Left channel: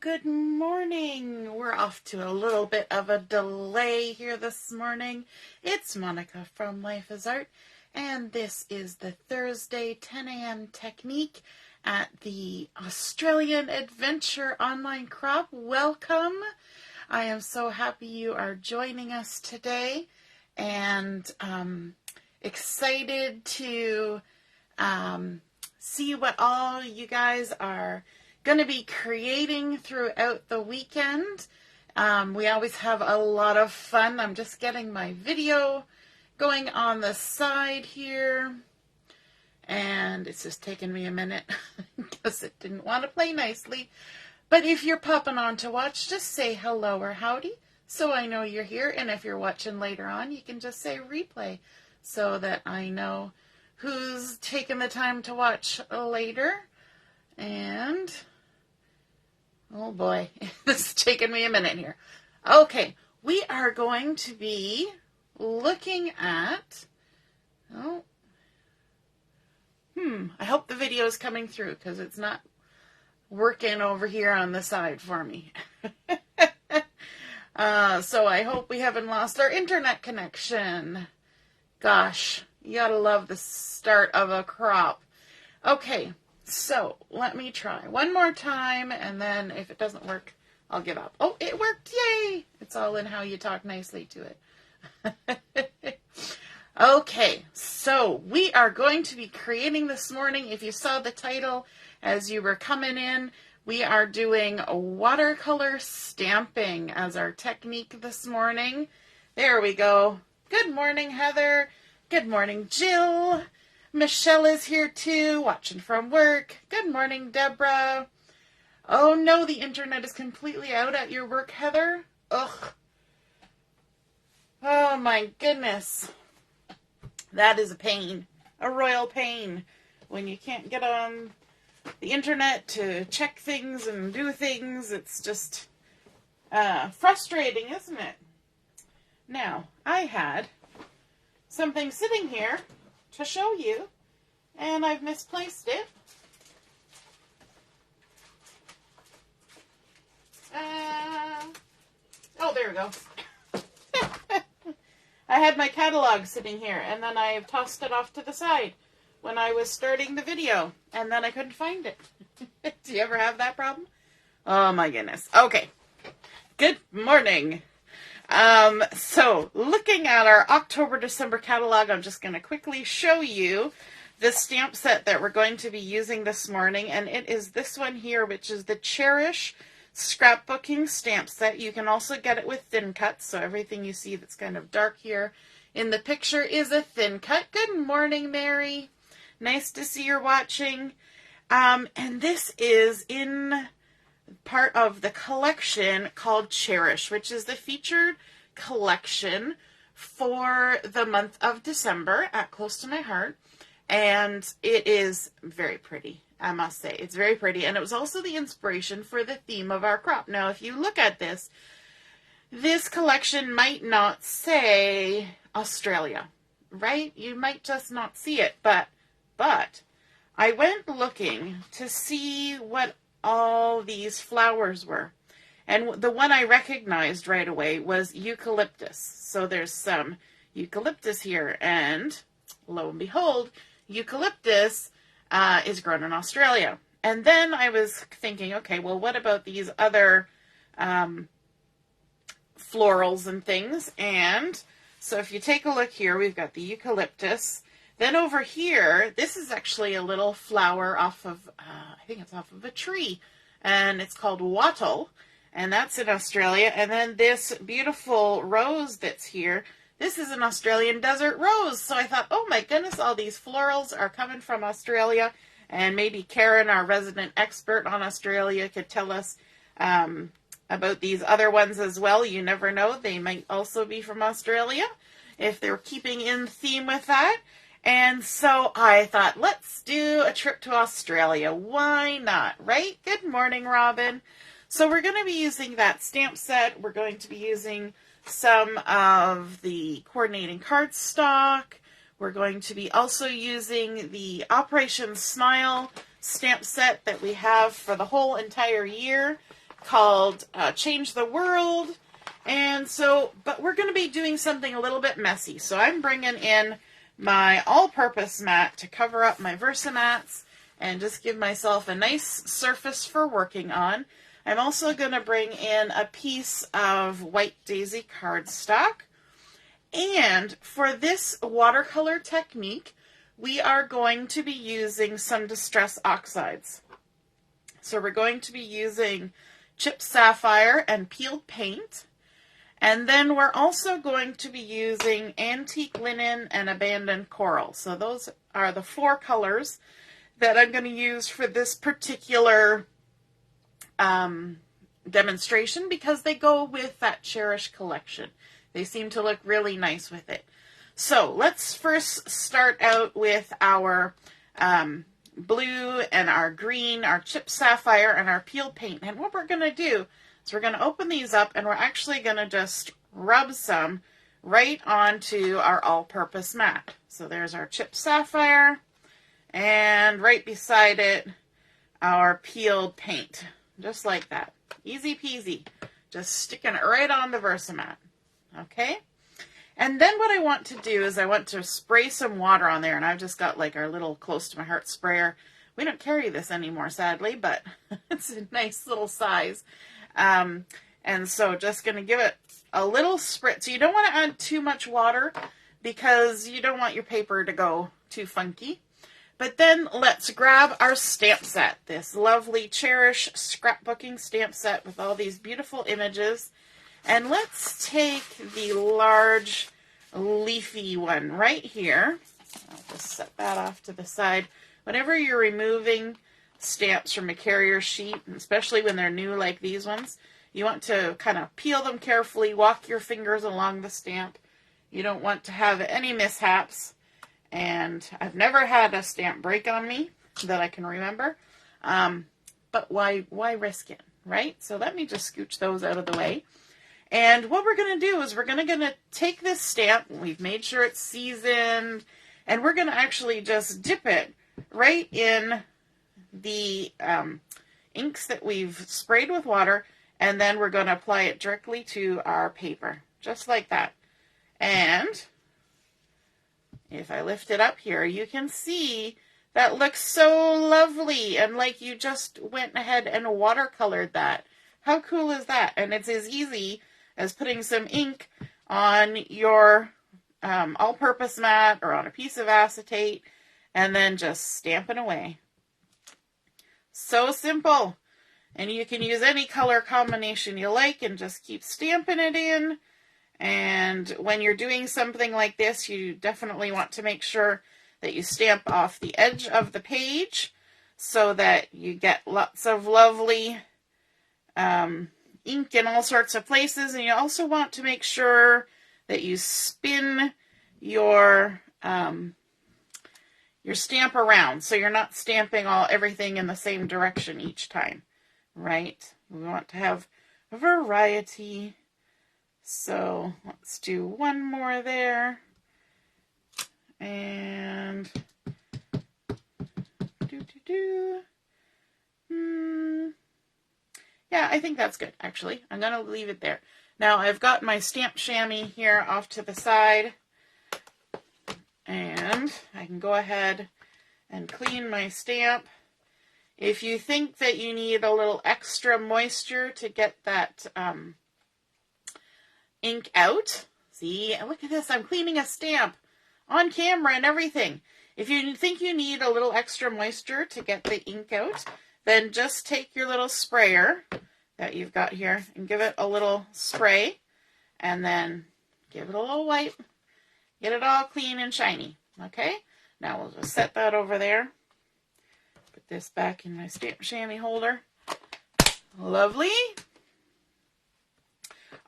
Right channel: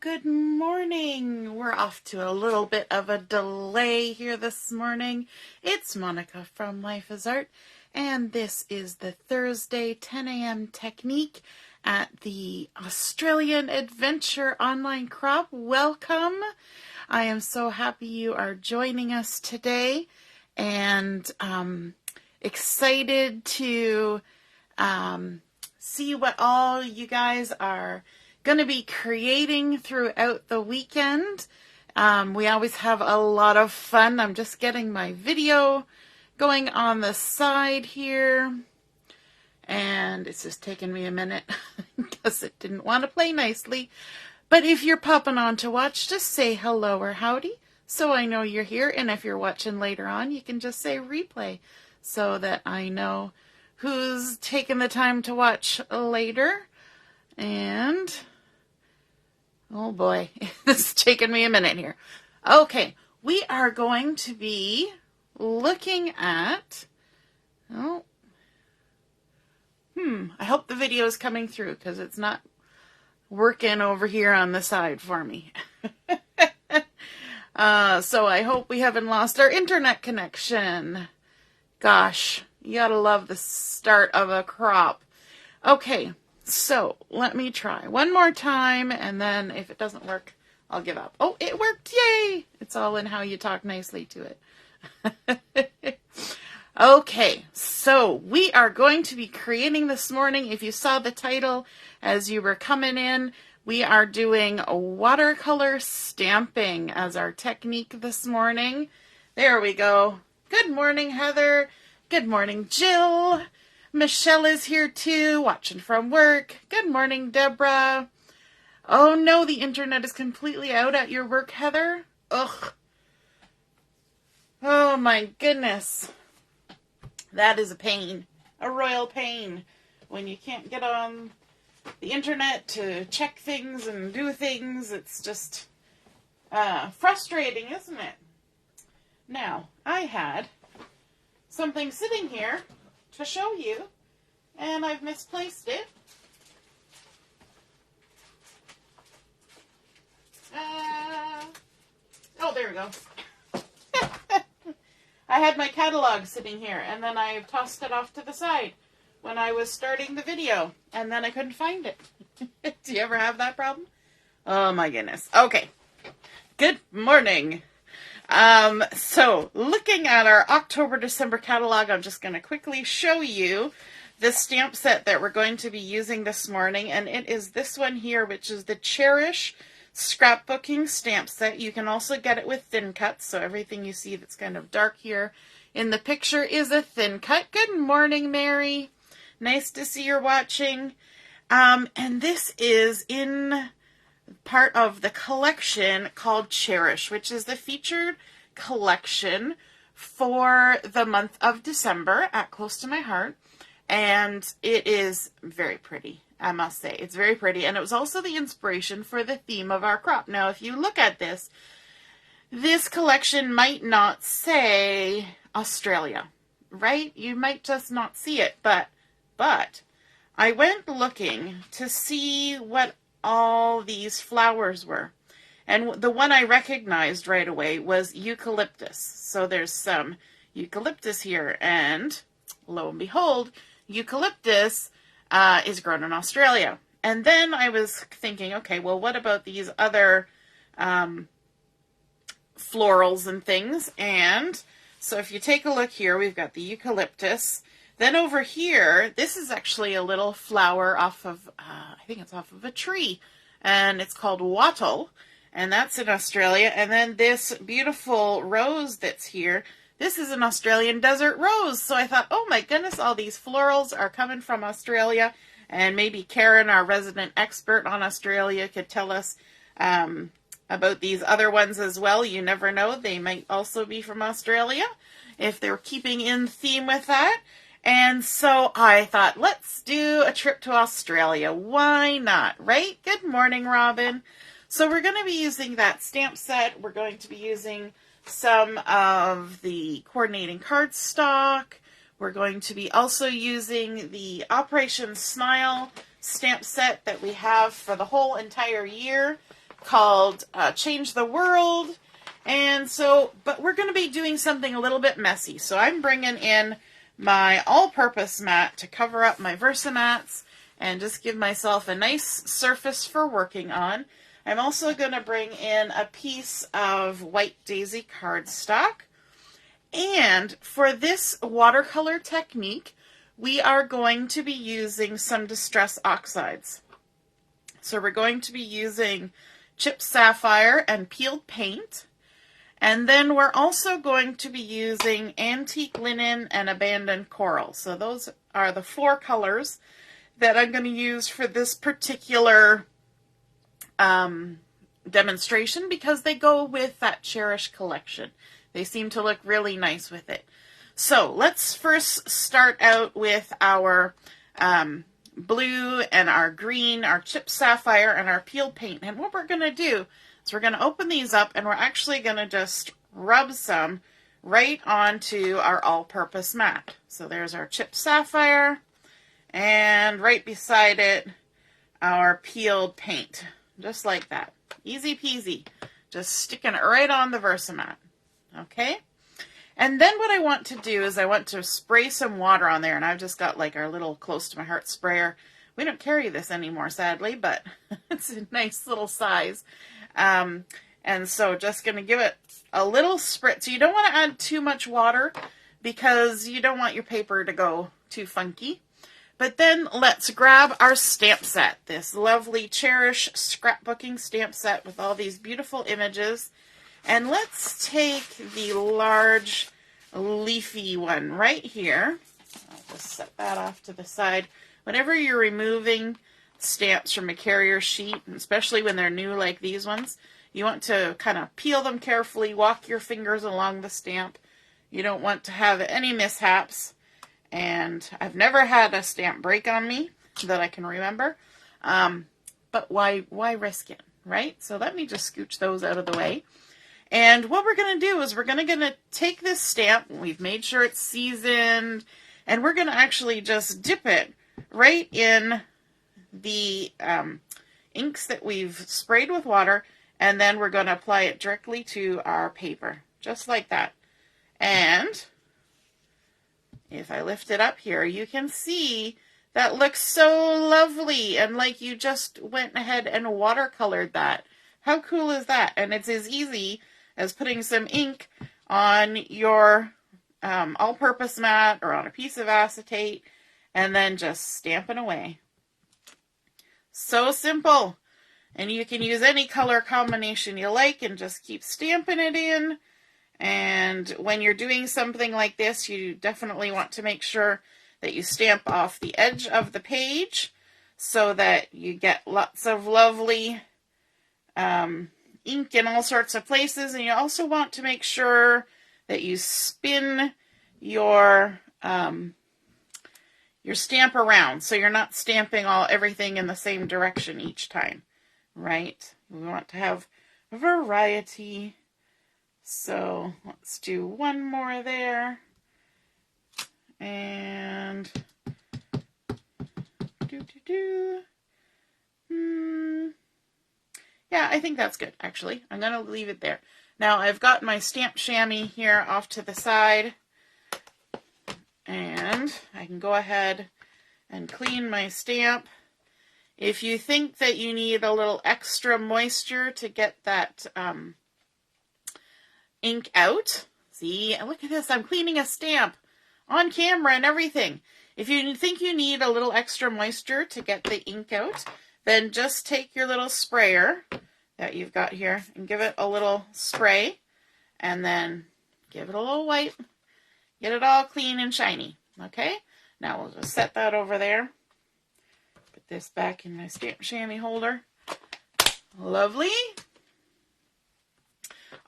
Good morning. We're off to a little bit of a delay here this morning. It's Monica from Life is Art, and this is the Thursday 10 a.m. technique at the Australian Adventure Online Crop. Welcome. I am so happy you are joining us today, and excited to see what all you guys are going to be creating throughout the weekend. We always have a lot of fun. I'm just getting my video going on the side here, and it's just taking me a minute because it didn't want to play nicely. But if you're popping on to watch, just say hello or howdy so I know you're here. And if you're watching later on, you can just say replay so that I know who's taking the time to watch later. And oh boy, this is taking me a minute here. Okay, we are going to be looking at, I hope the video is coming through because it's not working over here on the side for me. So I hope we haven't lost our internet connection. Gosh, you gotta love the start of a crop. Okay. So, let me try one more time, and then if it doesn't work, I'll give up. Oh, it worked! Yay! It's all in how you talk nicely to it. Okay, so we are going to be creating this morning. If you saw the title as you were coming in, we are doing watercolor stamping as our technique this morning. There we go. Good morning, Heather. Good morning, Jill. Michelle is here too, watching from work. Good morning, Deborah. Oh no, the internet is completely out at your work, Heather. Ugh. Oh my goodness. That is a pain. A royal pain. When you can't get on the internet to check things and do things, it's just frustrating, isn't it? Now, I had something sitting here to show you, and I've misplaced it. Oh, there we go. I had my catalog sitting here, and then I tossed it off to the side when I was starting the video, and then I couldn't find it. Do you ever have that problem? Oh my goodness. Okay. Good morning. So looking at our October-December catalog, I'm just going to quickly show you the stamp set that we're going to be using this morning. And it is this one here, which is the Cherish scrapbooking stamp set. You can also get it with thin cuts. So everything you see that's kind of dark here in the picture is a thin cut. Good morning, Mary. Nice to see you're watching. And this is in part of the collection called Cherish, which is the featured collection for the month of December at Close to My Heart. And it is very pretty, I must say. It's very pretty. And it was also the inspiration for the theme of our crop. Now, if you look at this, this collection might not say Australia, right? You might just not see it. But I went looking to see what all these flowers were. And the one I recognized right away was eucalyptus. So there's some eucalyptus here, and lo and behold, eucalyptus is grown in Australia. And then I was thinking, okay, well, what about these other florals and things? And so if you take a look here, we've got the eucalyptus. Then over here, this is actually a little flower off of, I think it's off of a tree, and it's called wattle, and that's in Australia. And then this beautiful rose that's here, this is an Australian desert rose. So I thought, oh my goodness, all these florals are coming from Australia, and maybe Karen, our resident expert on Australia, could tell us about these other ones as well. You never know, they might also be from Australia if they're keeping in theme with that. And so I thought, let's do a trip to Australia. Why not, right? Good morning, Robin. So we're going to be using that stamp set. We're going to be using some of the coordinating cardstock. We're going to be also using the Operation Smile stamp set that we have for the whole entire year. called Change the World. And so, but we're going to be doing something a little bit messy. So I'm bringing in my all-purpose mat to cover up my Versamats and just give myself a nice surface for working on. I'm also going to bring in a piece of White Daisy cardstock. And for this watercolor technique, we are going to be using some distress oxides. So we're going to be using chipped sapphire and peeled paint. And then we're also going to be using antique linen and abandoned coral. So those are the 4 colors that I'm going to use for this particular demonstration because they go with that Cherish collection. They seem to look really nice with it. So let's first start out with our blue and our green, our chipped sapphire and our peeled paint. And what we're going to do is we're going to open these up and we're actually going to just rub some right onto our all-purpose mat. So there's our chipped sapphire and right beside it our peeled paint. Just like that. Easy peasy. Just sticking it right on the Versamat. Okay? And then what I want to do is I want to spray some water on there. And I've just got like our little close to my heart sprayer. We don't carry this anymore, sadly, but it's a nice little size. And so just going to give it a little spritz. So you don't want to add too much water because you don't want your paper to go too funky. But then let's grab our stamp set, this lovely Cherish scrapbooking stamp set with all these beautiful images. And let's take the large leafy one right here. I'll just set that off to the side. Whenever you're removing stamps from a carrier sheet, especially when they're new like these ones, you want to kind of peel them carefully, walk your fingers along the stamp. You don't want to have any mishaps. And I've never had a stamp break on me that I can remember. But why risk it, right? So let me just scooch those out of the way. And what we're going to do is we're going to take this stamp. We've made sure it's seasoned. And we're going to actually just dip it right in the inks that we've sprayed with water. And then we're going to apply it directly to our paper. Just like that. And if I lift it up here, you can see that looks so lovely and like you just went ahead and watercolored that. How cool is that? And it's as easy as putting some ink on your all-purpose mat or on a piece of acetate and then just stamping away. So simple. And you can use any color combination you like and just keep stamping it in. And when you're doing something like this, you definitely want to make sure that you stamp off the edge of the page so that you get lots of lovely ink in all sorts of places. And you also want to make sure that you spin your stamp around so you're not stamping everything in the same direction each time, right? We want to have a variety. So let's do one more there. And yeah, I think that's good, actually. I'm going to leave it there. Now I've got my stamp chamois here off to the side. And I can go ahead and clean my stamp. If you think that you need a little extra moisture to get that ink out. See, look at this. I'm cleaning a stamp on camera and everything. If you think you need a little extra moisture to get the ink out, then just take your little sprayer that you've got here and give it a little spray and then give it a little wipe. Get it all clean and shiny. Okay? Now we'll just set that over there. Put this back in my stamp chamois holder. Lovely.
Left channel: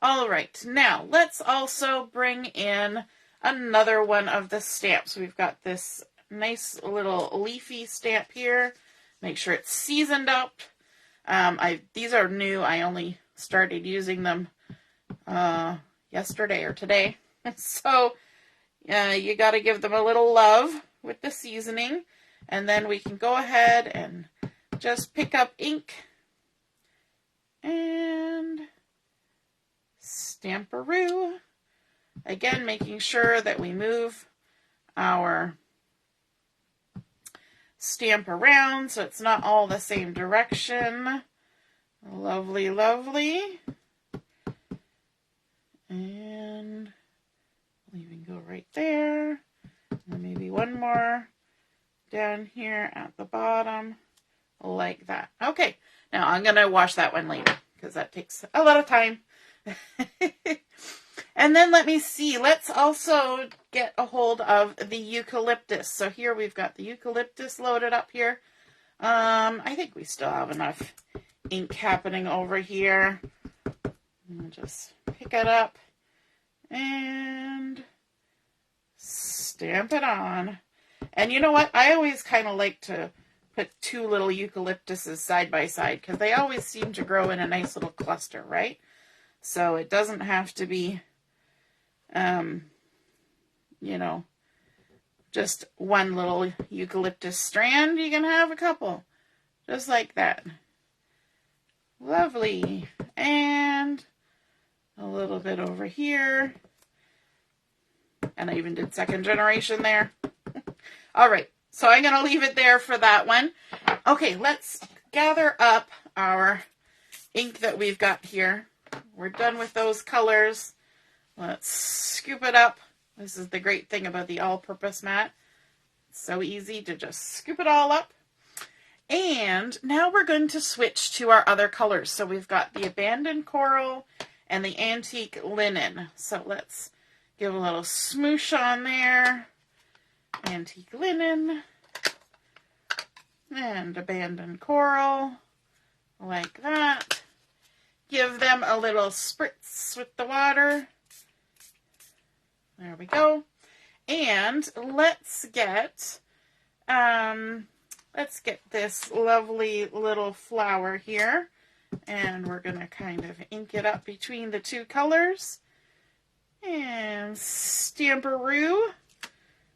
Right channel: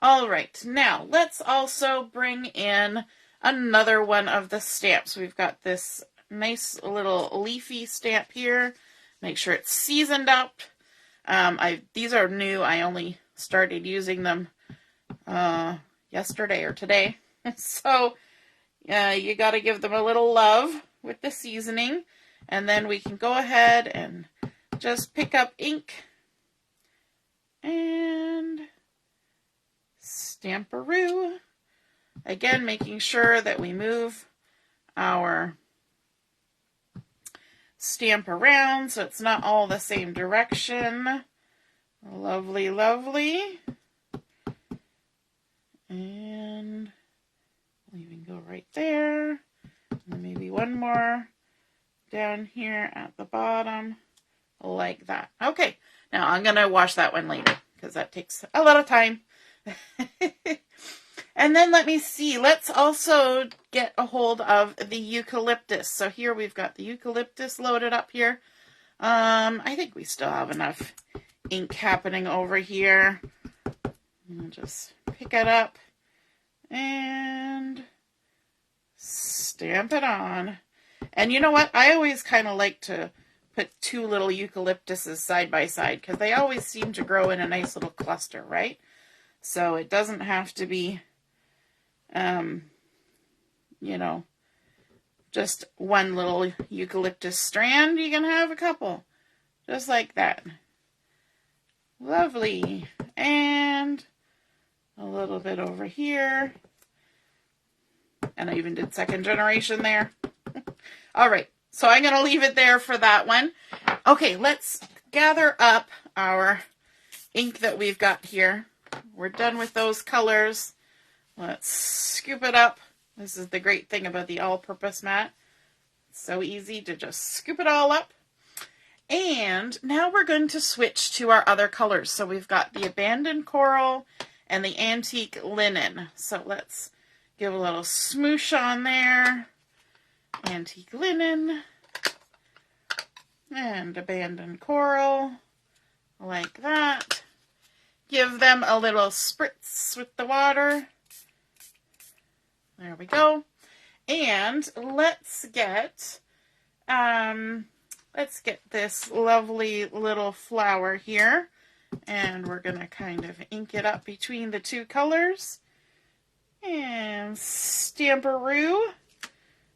All right, now let's also bring in another one of the stamps. We've got this nice little leafy stamp here. Make sure it's seasoned up. These are new. I only started using them yesterday or today. So you got to give them a little love with the seasoning. And then we can go ahead and just pick up ink And Stamperoo. Again, making sure that we move our stamp around so it's not all the same direction. Lovely, lovely. And we'll even go right there. And maybe one more down here at the bottom, like that. Okay, now I'm going to wash that one later because that takes a lot of time. And then let me see, let's also get a hold of the eucalyptus. So here we've got the eucalyptus loaded up here. I think we still have enough ink happening over here. I'll just pick it up and stamp it on. And you know what? I always kind of like to put two little eucalyptuses side by side because they always seem to grow in a nice little cluster, right? So it doesn't have to be, you know, just one little eucalyptus strand. You can have a couple, just like that. Lovely. And a little bit over here. And I even did second generation there. All right, so I'm going to leave it there for that one. Okay, let's gather up our ink that we've got here. We're done with those colors. Let's scoop it up. This is the great thing about the all-purpose mat. It's so easy to just scoop it all up. And now we're going to switch to our other colors. So we've got the abandoned coral and the antique linen. So let's give a little smoosh on there. Antique linen and abandoned coral, like that. Give them a little spritz with the water. There we go. And let's get this lovely little flower here. And we're going to kind of ink it up between the two colors. And Stamperoo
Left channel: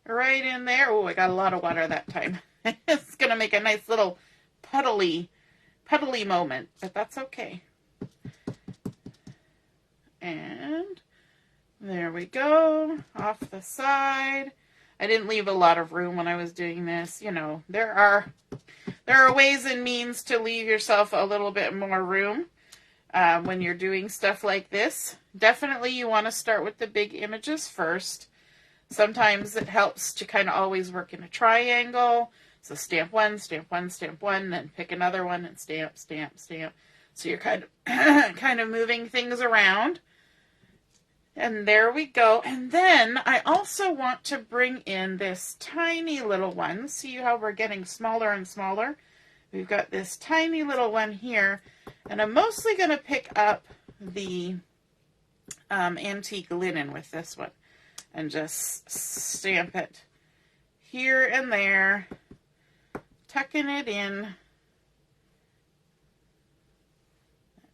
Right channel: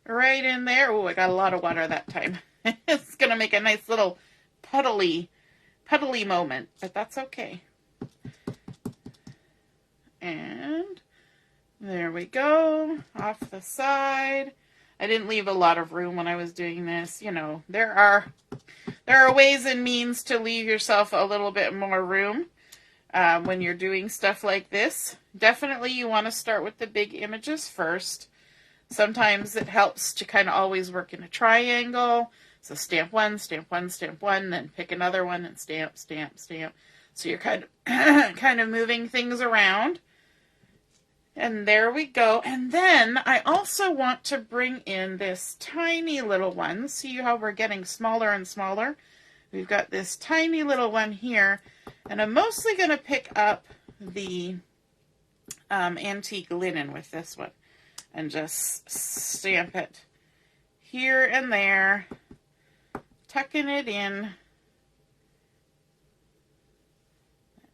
right in there. Oh, I got a lot of water that time. It's going to make a nice little puddly moment, but that's okay. And there we go, off the side. I didn't leave a lot of room when I was doing this. You know, there are ways and means to leave yourself a little bit more room when you're doing stuff like this. Definitely you want to start with the big images first. Sometimes it helps to kind of always work in a triangle. So stamp one, then pick another one and stamp, stamp, stamp. So you're kind of moving things around. And there we go. And then I also want to bring in this tiny little one. See how we're getting smaller and smaller? We've got this tiny little one here. And I'm mostly going to pick up the antique linen with this one. And just stamp it here and there, tucking it in.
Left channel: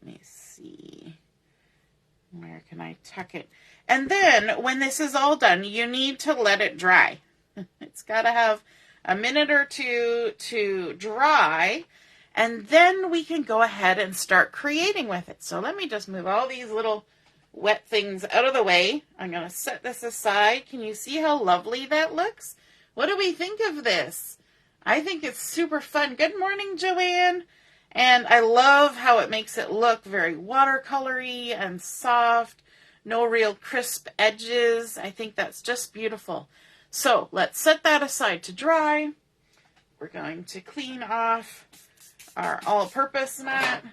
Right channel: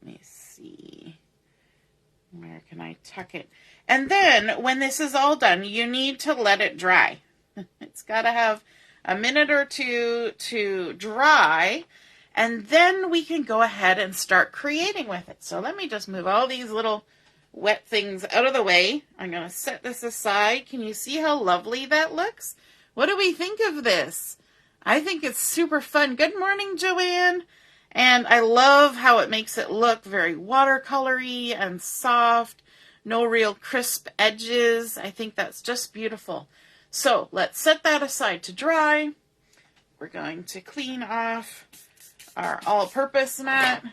Let me see. Where can I tuck it? And then when this is all done, you need to let it dry. It's got to have a minute or two to dry. And then we can go ahead and start creating with it. So let me just move all these little wet things out of the way. I'm going to set this aside. Can you see how lovely that looks? What do we think of this? I think it's super fun. Good morning, Joanne. And I love how it makes it look very watercolory and soft. No real crisp edges. I think that's just beautiful. So let's set that aside to dry. We're going to clean off our all-purpose mat.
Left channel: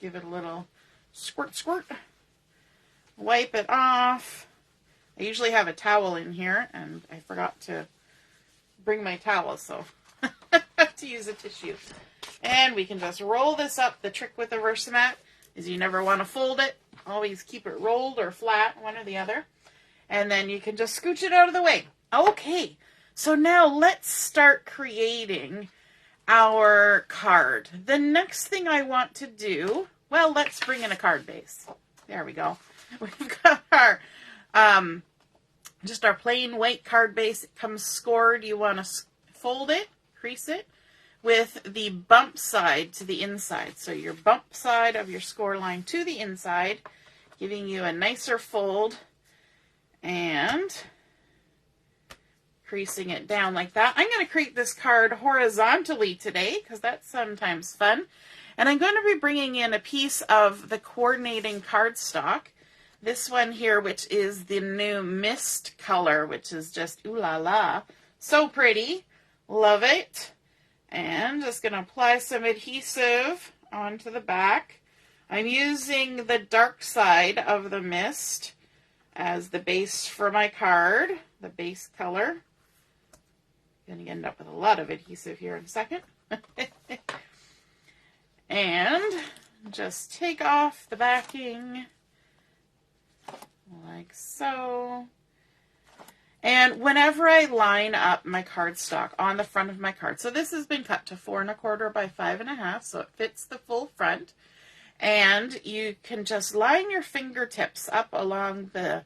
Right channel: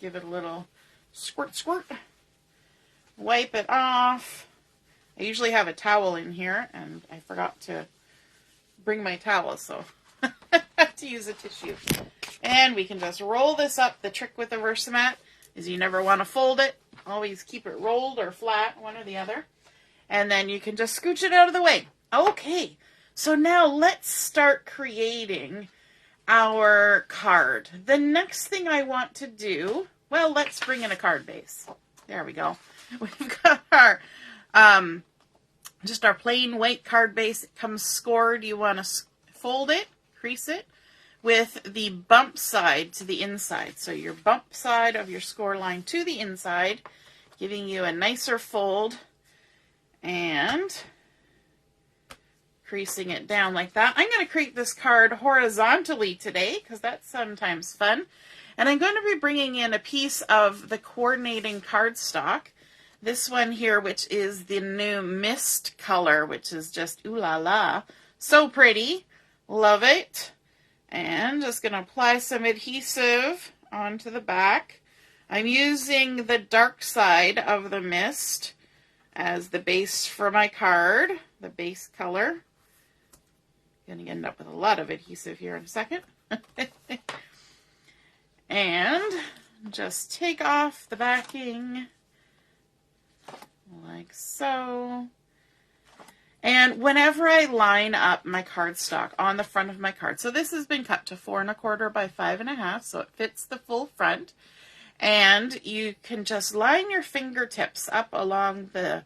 Give it a little squirt, squirt. Wipe it off. I usually have a towel in here, and I forgot to bring my towel, so I have to use a tissue. And we can just roll this up. The trick with the Versamat is you never want to fold it. Always keep it rolled or flat, one or the other. And then you can just scooch it out of the way. Okay, so now let's start creating our card. The next thing I want to do, well, let's bring in a card base. There we go. We've got our, just our plain white card base. It comes scored. You want to fold it, crease it, with the bump side to the inside. So your bump side of your score line to the inside, giving you a nicer fold, and creasing it down like that. I'm going to create this card horizontally today because that's sometimes fun. And I'm going to be bringing in a piece of the coordinating cardstock. This one here, which is the new mist color, which is just ooh la la. So pretty. Love it. And just going to apply some adhesive onto the back. I'm using the dark side of the mist as the base for my card, the base color. Going to end up with a lot of adhesive here in a second. And just take off the backing like so. And whenever I line up my cardstock on the front of my card, so this has been cut to 4 1/4 by 5 1/2, so it fits the full front. And you can just line your fingertips up along the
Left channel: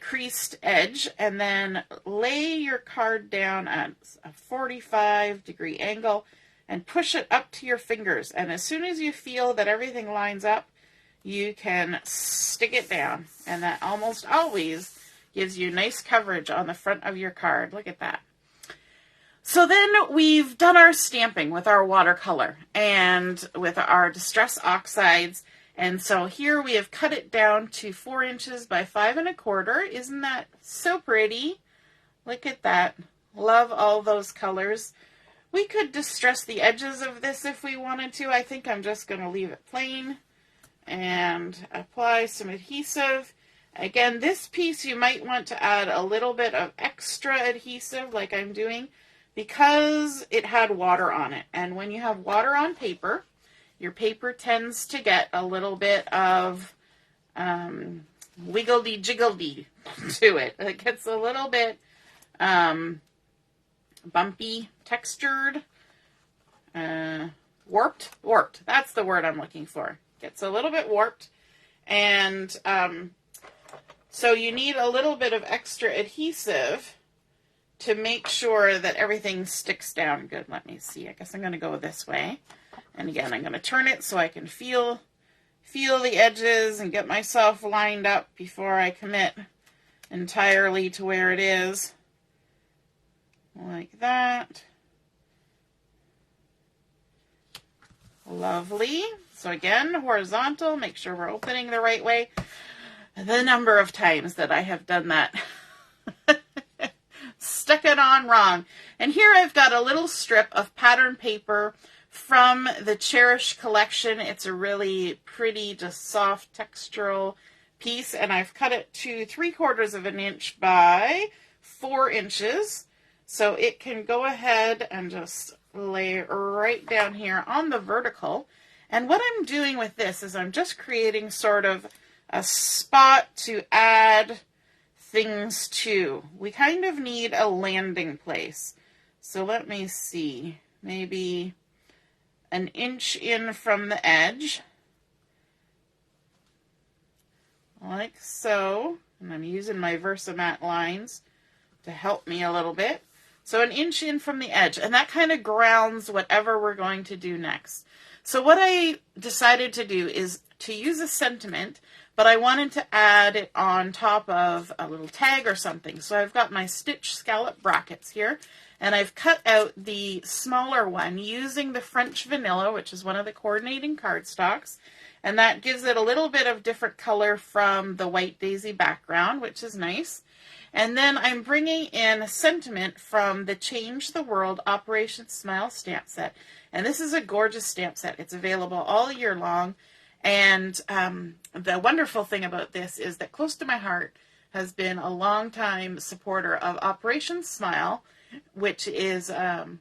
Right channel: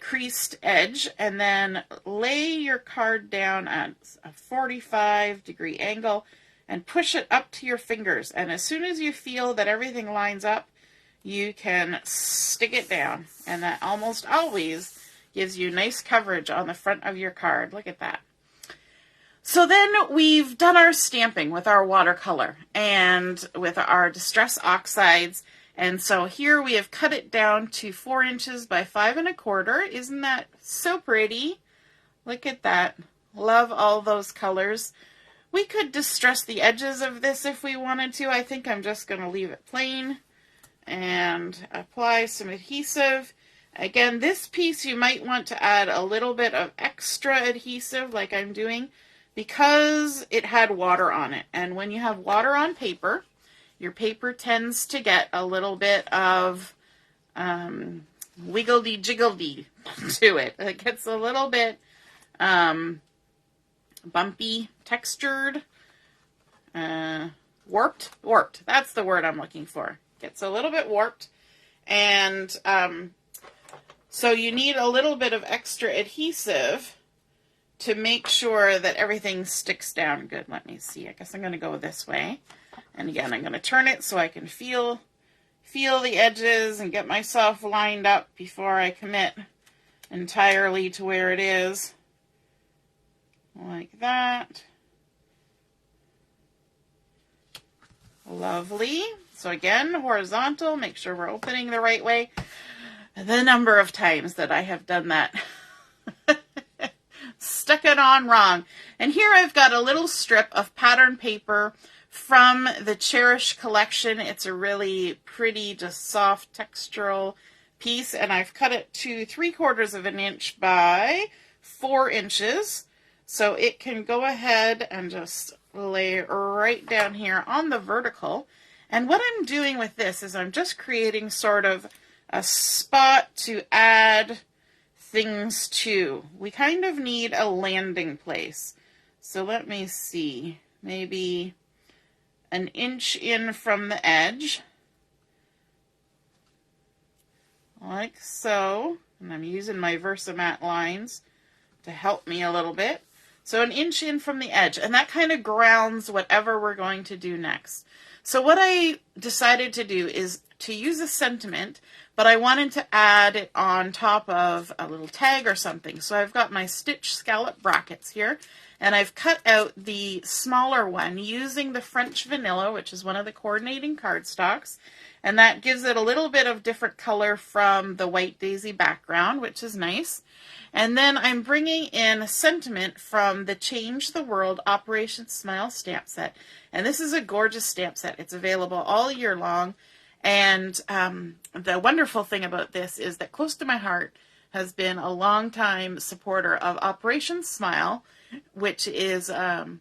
creased edge and then lay your card down at a 45-degree angle and push it up to your fingers. And as soon as you feel that everything lines up, you can stick it down. And that almost always gives you nice coverage on the front of your card. Look at that. So then we've done our stamping with our watercolor and with our distress oxides. And so here we have cut it down to 4 inches by 5 1/4. Isn't that so pretty? Look at that. Love all those colors. We could distress the edges of this if we wanted to. I think I'm just going to leave it plain and apply some adhesive. Again, this piece you might want to add a little bit of extra adhesive like I'm doing because it had water on it. And when you have water on paper, your paper tends to get a little bit of wiggledy-jiggledy to it. It gets a little bit bumpy, textured, warped. That's the word I'm looking for. Gets a little bit warped. And so you need a little bit of extra adhesive to make sure that everything sticks down good. Let me see. I guess I'm going to go this way. And again, I'm going to turn it so I can feel the edges and get myself lined up before I commit entirely to where it is. Like that. Lovely. So again, horizontal, make sure we're opening the right way. The number of times that I have done that. Stuck it on wrong. And here I've got a little strip of pattern paper from the Cherish collection. It's a really pretty, just soft textural piece. And I've cut it to 3/4 of an inch by 4 inches. So it can go ahead and just lay right down here on the vertical. And what I'm doing with this is I'm just creating sort of a spot to add things to. We kind of need a landing place. So let me see, maybe an inch in from the edge, like so. And I'm using my Versamat lines to help me a little bit. So an inch in from the edge, and that kind of grounds whatever we're going to do next. So what I decided to do is to use a sentiment, but I wanted to add it on top of a little tag or something. So I've got my stitch scallop brackets here, and I've cut out the smaller one using the French Vanilla, which is one of the coordinating cardstocks, and that gives it a little bit of different color from the white daisy background, which is nice. And then I'm bringing in a sentiment from the Change the World Operation Smile stamp set. And this is a gorgeous stamp set. It's available all year long. And the wonderful thing about this is that Close to My Heart has been a long-time supporter of Operation Smile, which is an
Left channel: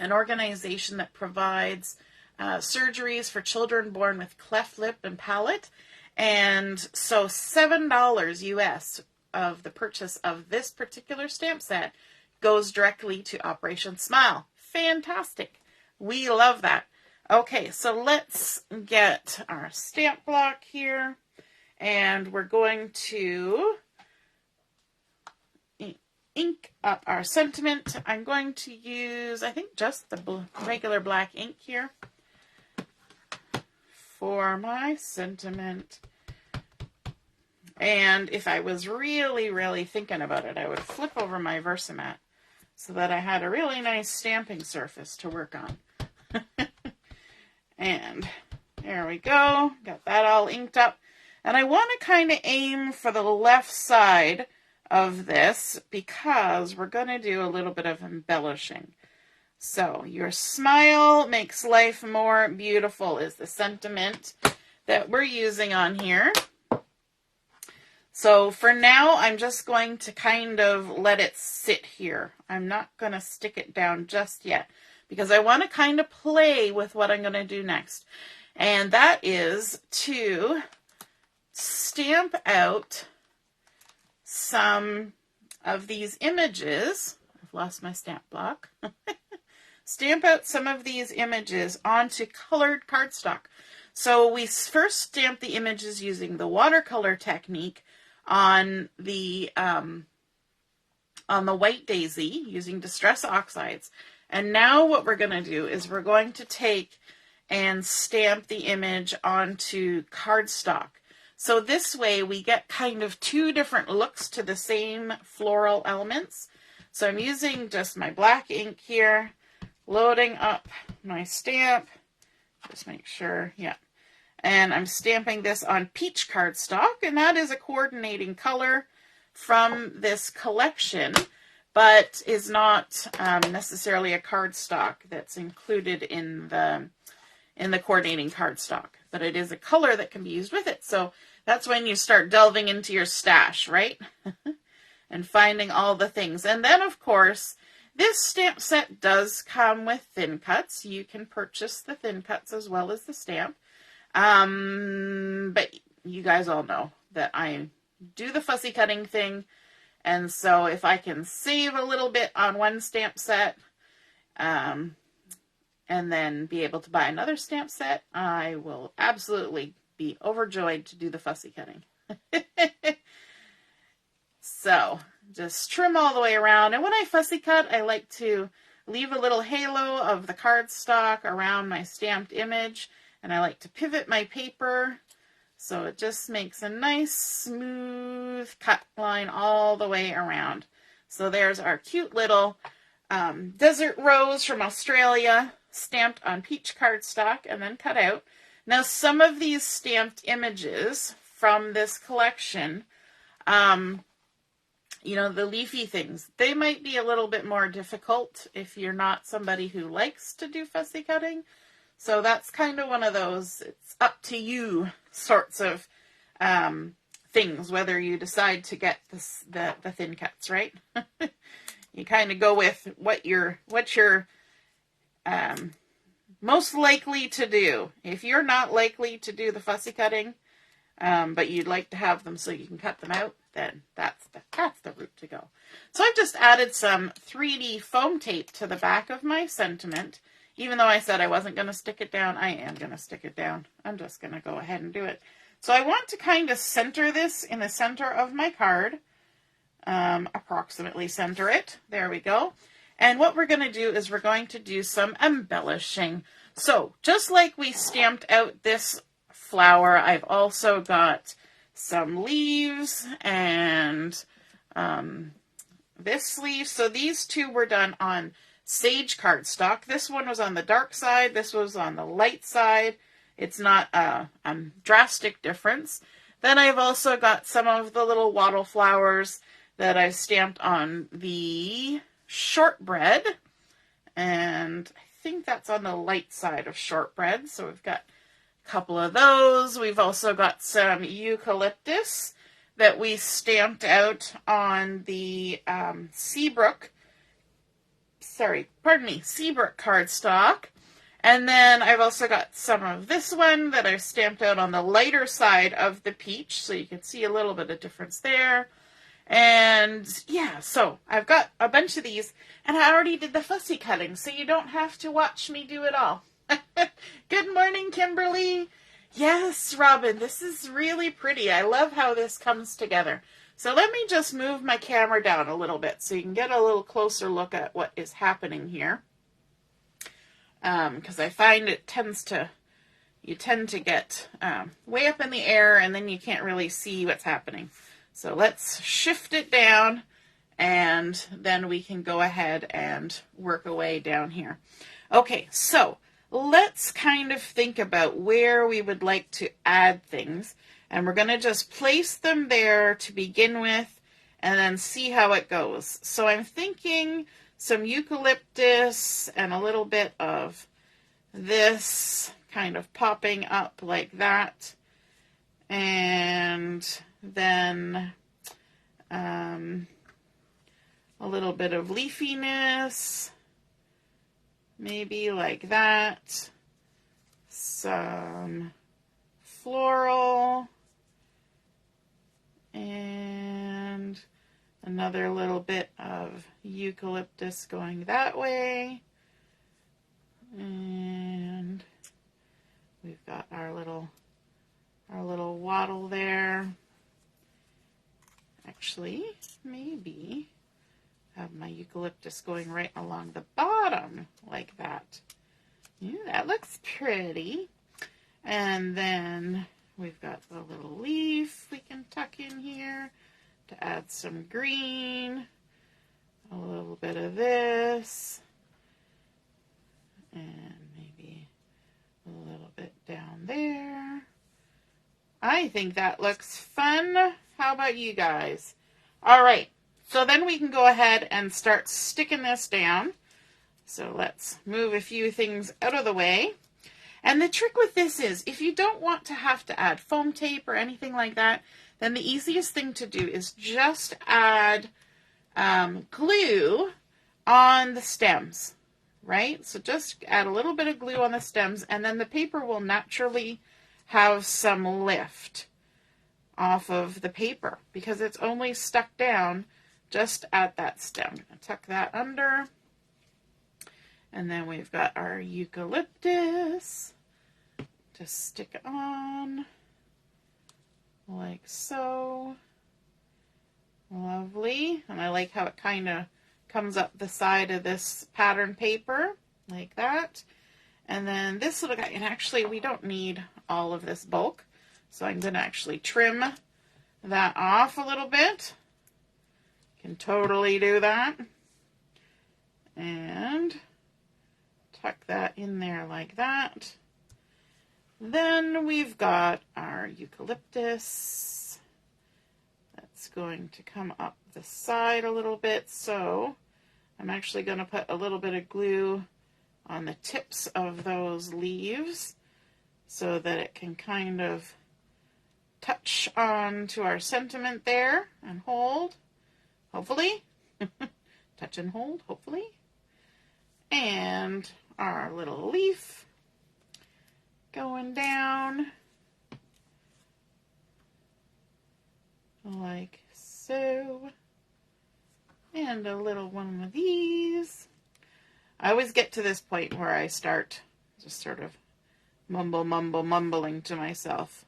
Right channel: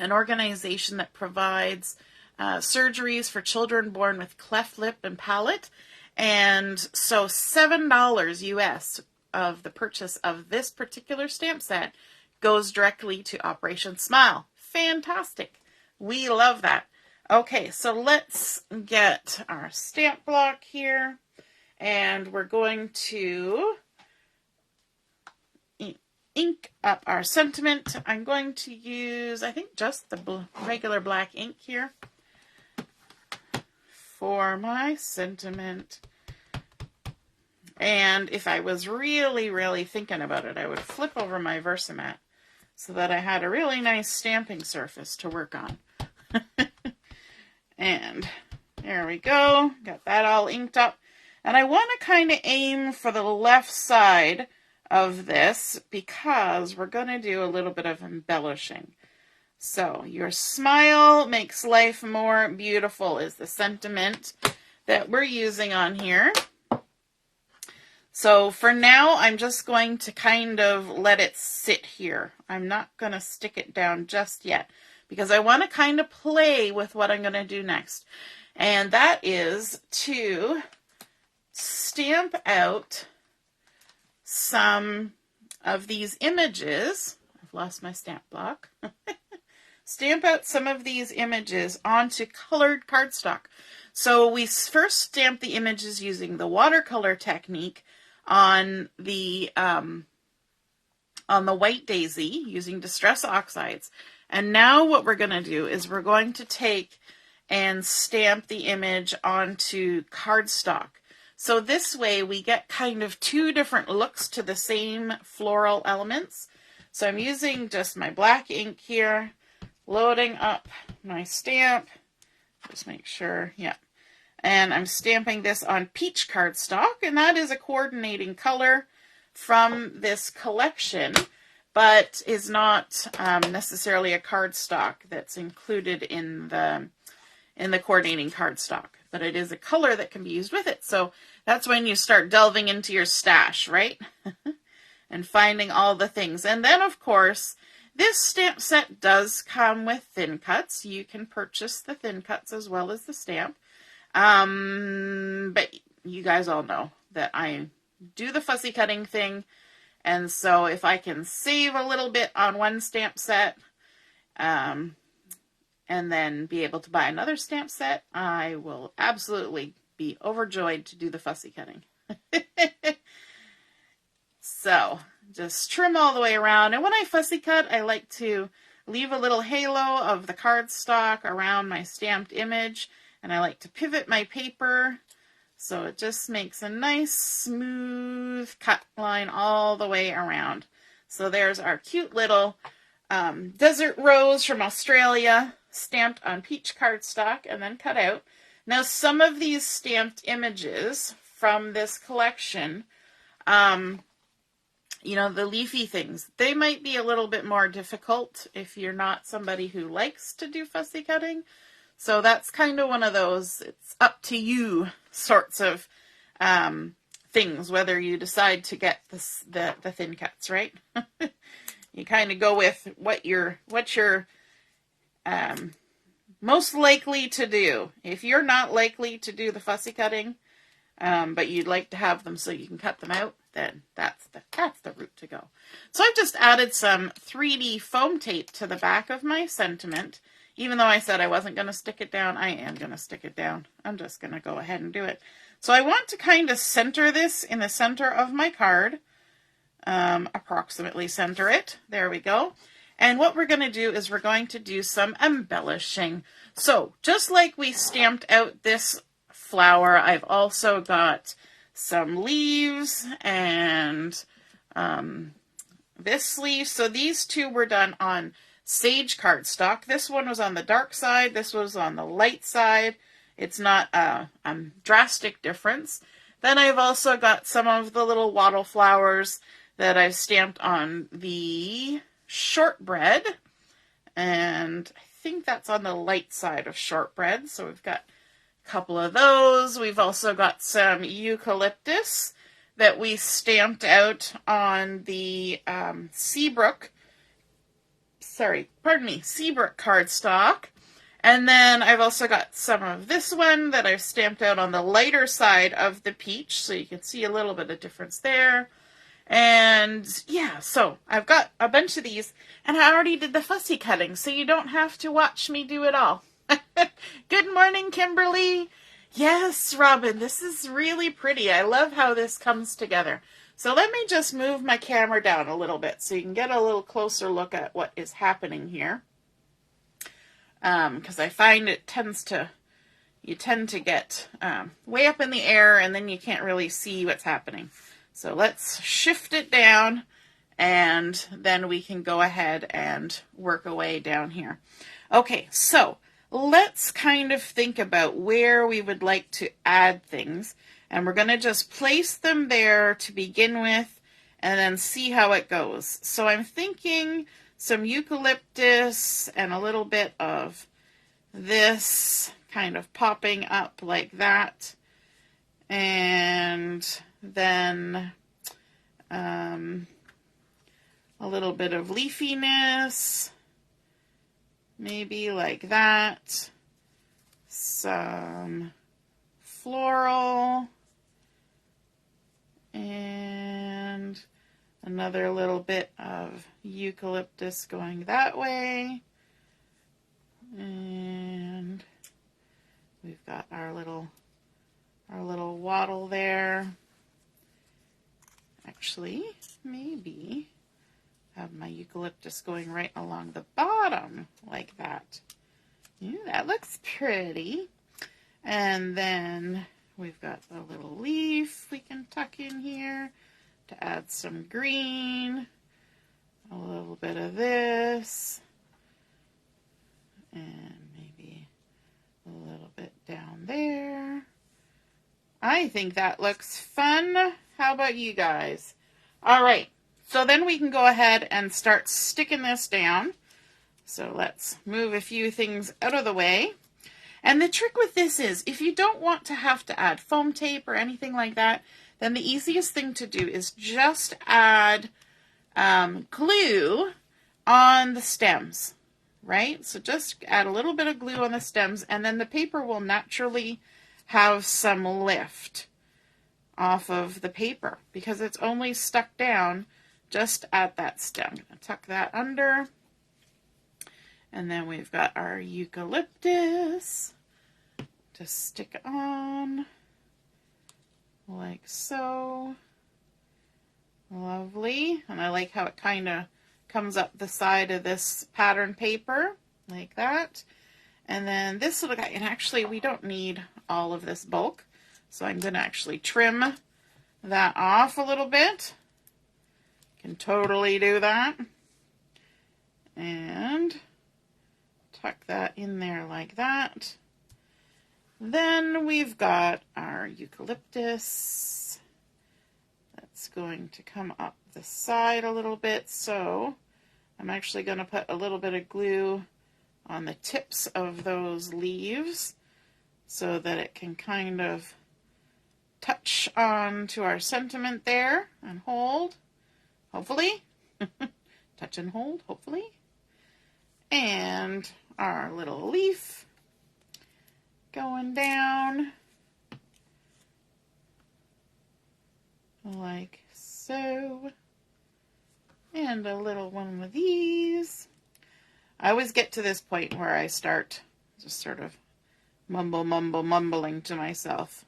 organization that provides surgeries for children born with cleft lip and palate. And so $7 US of the purchase of this particular stamp set goes directly to Operation Smile. Fantastic. We love that. Okay, so let's get our stamp block here, and we're going to ink up our sentiment. I'm going to use, I think, just the regular black ink here for my sentiment. And if I was really, really thinking about it, I would flip over my Versamat so that I had a really nice stamping surface to work on. And there we go. Got that all inked up. And I want to kind of aim for the left side of this because we're going to do a little bit of embellishing. So your smile makes life more beautiful is the sentiment that we're using on here. So for now, I'm just going to kind of let it sit here. I'm not going to stick it down just yet because I want to kind of play with what I'm going to do next. And that is to stamp out some of these images. I've lost my stamp block. Stamp out some of these images onto colored cardstock. So we first stamped the images using the watercolor technique on the white daisy using distress oxides. And now what we're going to do is we're going to take and stamp the image onto cardstock. So this way we get kind of two different looks to the same floral elements. So I'm using just my black ink here, loading up my stamp. Just make sure, yeah. And I'm stamping this on peach cardstock, and that is a coordinating color from this collection, but is not necessarily a cardstock that's included in the coordinating cardstock. But it is a color that can be used with it. So that's when you start delving into your stash, right? And finding all the things. And then, of course, this stamp set does come with thin cuts. You can purchase the thin cuts as well as the stamp. But you guys all know that I do the fussy cutting thing. And so if I can save a little bit on one stamp set, and then be able to buy another stamp set, I will absolutely be overjoyed to do the fussy cutting. So just trim all the way around. And when I fussy cut, I like to leave a little halo of the cardstock around my stamped image. And I like to pivot my paper so it just makes a nice smooth cut line all the way around. So there's our cute little desert rose from Australia, stamped on peach cardstock and then cut out. Now some of these stamped images from this collection, you know, the leafy things, they might be a little bit more difficult if you're not somebody who likes to do fussy cutting. So that's kind of one of those, it's up to you sorts of things, whether you decide to get the thin cuts, right? You kind of go with what you're most likely to do. If you're not likely to do the fussy cutting, but you'd like to have them so you can cut them out, then that's the route to go. So I've just added some 3D foam tape to the back of my sentiment. Even though I said I wasn't going to stick it down, I am going to stick it down. I'm just going to go ahead and do it. So I want to kind of center this in the center of my card. Approximately center it. There we go. And what we're going to do is we're going to do some embellishing. So just like we stamped out this flower, I've also got some leaves and this leaf. So these two were done on sage cardstock. This one was on the dark side. This was on the light side. It's not a drastic difference. Then I've also got some of the little wattle flowers that I've stamped on the shortbread. And I think that's on the light side of shortbread. So we've got a couple of those. We've also got some eucalyptus that we stamped out on the Seabrook cardstock. And then I've also got some of this one that I've stamped out on the lighter side of the peach, so you can see a little bit of difference there. And yeah, so I've got a bunch of these, and I already did the fussy cutting, so you don't have to watch me do it all. Good morning, Kimberly. Yes, Robin, this is really pretty. I love how this comes together. So let me just move my camera down a little bit so you can get a little closer look at what is happening here. Because I find you tend to get way up in the air and then you can't really see what's happening. So let's shift it down and then we can go ahead and work away down here. Okay, so let's kind of think about where we would like to add things. And we're going to just place them there to begin with and then see how it goes. So I'm thinking some eucalyptus and a little bit of this kind of popping up like that. And then a little bit of leafiness, maybe like that. Some floral. And another little bit of eucalyptus going that way. And we've got our little wattle there. Actually, maybe have my eucalyptus going right along the bottom like that. Yeah, that looks pretty. And then we've got a little leaf we can tuck in here to add some green. A little bit of this. And maybe a little bit down there. I think that looks fun. How about you guys? All right, so then we can go ahead and start sticking this down. So let's move a few things out of the way. And the trick with this is, if you don't want to have to add foam tape or anything like that, then the easiest thing to do is just add glue on the stems, right? So just add a little bit of glue on the stems, and then the paper will naturally have some lift off of the paper because it's only stuck down just at that stem. I'll tuck that under. And then we've got our eucalyptus. Just stick it on like so. Lovely. And I like how it kind of comes up the side of this pattern paper like that. And then this little guy, and actually we don't need all of this bulk, so I'm going to actually trim that off a little bit. Can totally do that. And tuck that in there like that. Then we've got our eucalyptus. That's going to come up the side a little bit, so I'm actually going to put a little bit of glue on the tips of those leaves so that it can kind of touch on to our sentiment there and hold, hopefully. Touch and hold, hopefully. And our little leaf going down like so. And a little one of these. I always get to this point where I start just sort of mumbling to myself.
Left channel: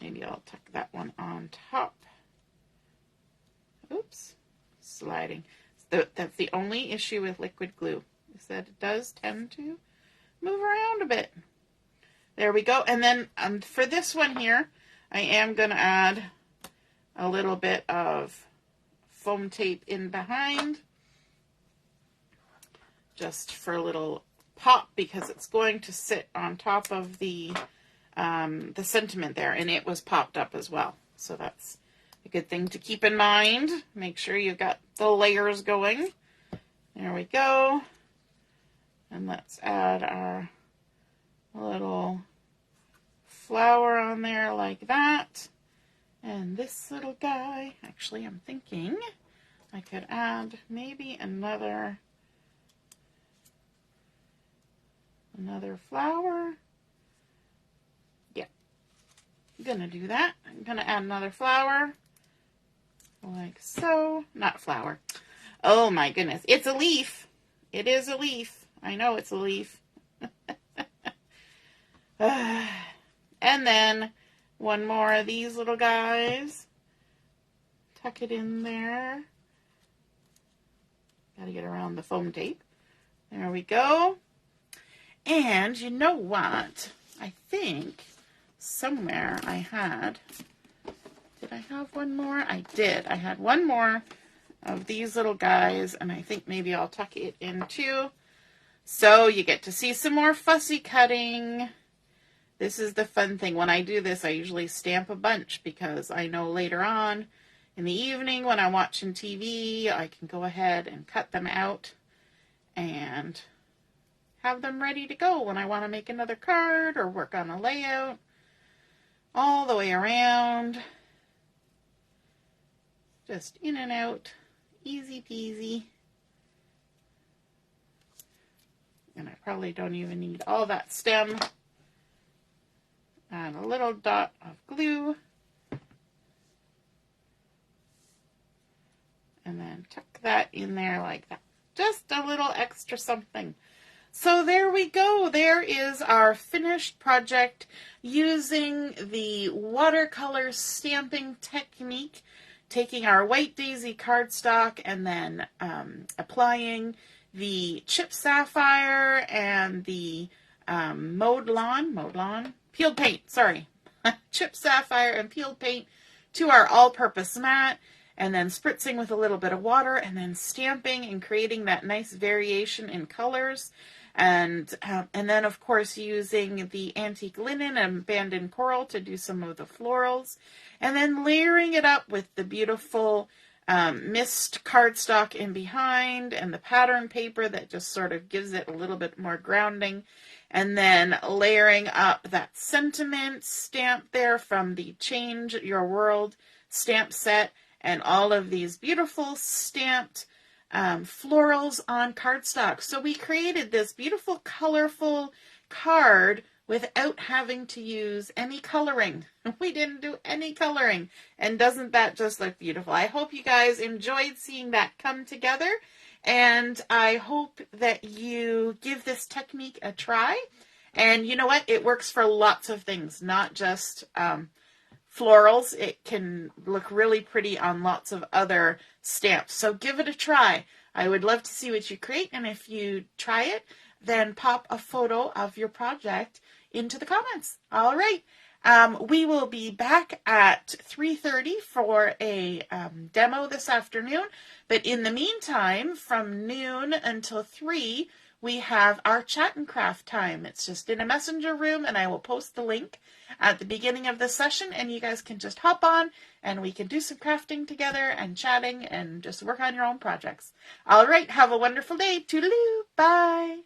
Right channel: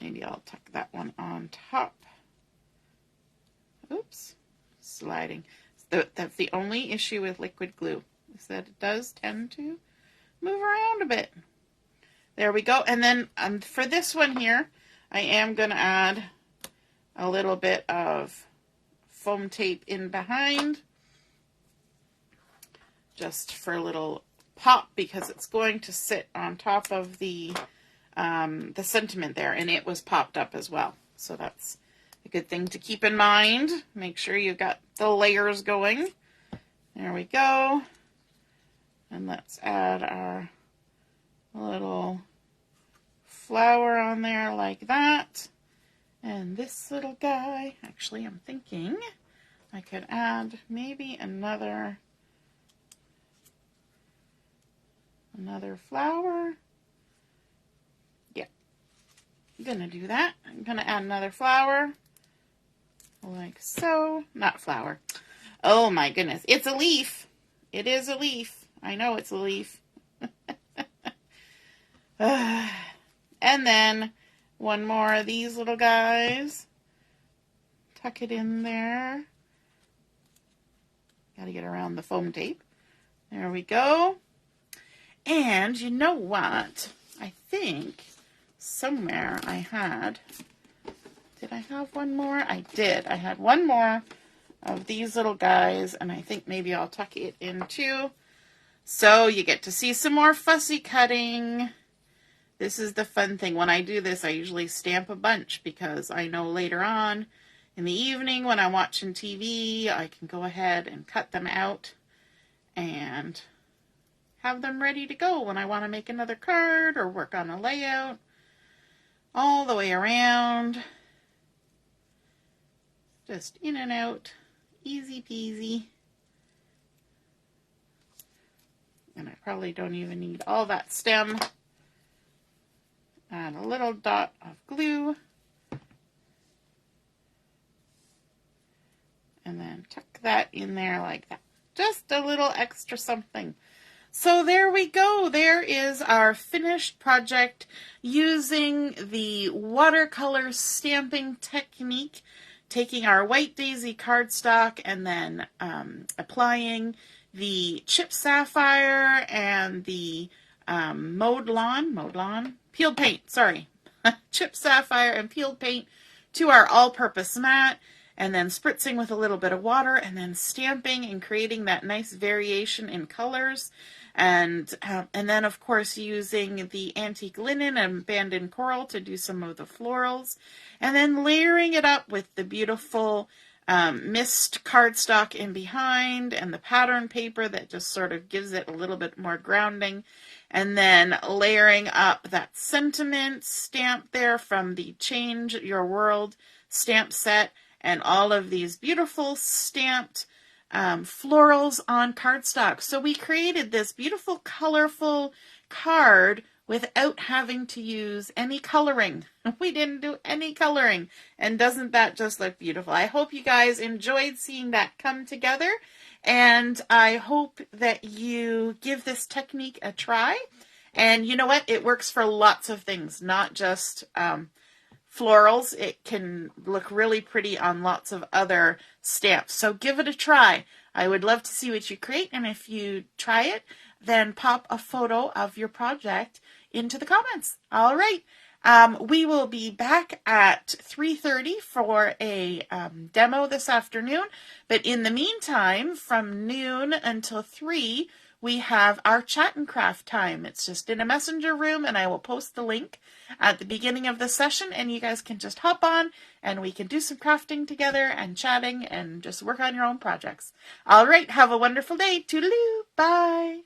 Maybe I'll tuck that one on top. Oops, sliding. That's the only issue with liquid glue, is that it does tend to move around a bit. There we go. And then for this one here, I am going to add a little bit of foam tape in behind, just for a little pop, because it's going to sit on top of the sentiment there, and it was popped up as well. So that's a good thing to keep in mind. Make sure you've got the layers going. There we go. And let's add our little flower on there like that. And this little guy, actually I'm thinking I could add maybe another flower. Yeah, I'm gonna do that. I'm gonna add another flower like so. Not flower. Oh my goodness, it's a leaf. It is a leaf. I know it's a leaf. And then one more of these little guys tuck it in there. Got to get around the foam tape. There we go. And you know what? I think somewhere I had, did I have one more? I did. I had one more of these little guys, and I think maybe I'll tuck it in too. So you get to see some more fussy cutting. This is the fun thing. When I do this, I usually stamp a bunch because I know later on in the evening when I'm watching TV, I can go ahead and cut them out and have them ready to go when I want to make another card or work on a layout all the way around. Just in and out, easy peasy. And I probably don't even need all that stem. Add a little dot of glue. And then tuck that in there like that. Just a little extra something. So there we go. There is our finished project using the watercolor stamping technique, taking our white daisy cardstock and then applying the chipped sapphire and the peeled paint, sorry, chipped sapphire and peeled paint to our all-purpose mat, and then spritzing with a little bit of water, and then stamping and creating that nice variation in colors. And then, of course, using the antique linen and abandoned coral to do some of the florals. And then layering it up with the beautiful mist cardstock in behind and the pattern paper that just sort of gives it a little bit more grounding. And then layering up that sentiment stamp there from the Change Your World stamp set. And all of these beautiful stamped florals on cardstock. So we created this beautiful, colorful card without having to use any coloring. We didn't do any coloring. And doesn't that just look beautiful? I hope you guys enjoyed seeing that come together. And I hope that you give this technique a try. And you know what? It works for lots of things, not just florals. It can look really pretty on lots of other stamps. So give it a try. I would love to see what you create. And if you try it, then pop a photo of your project into the comments. All right. We will be back at 3:30 for a demo this afternoon. But in the meantime, from noon until 3, we have our chat and craft time. It's just in a messenger room, and I will post the link at the beginning of the session, and you guys can just hop on and we can do some crafting together and chatting and just work on your own projects. All right. Have a wonderful day. Toodaloo. Bye.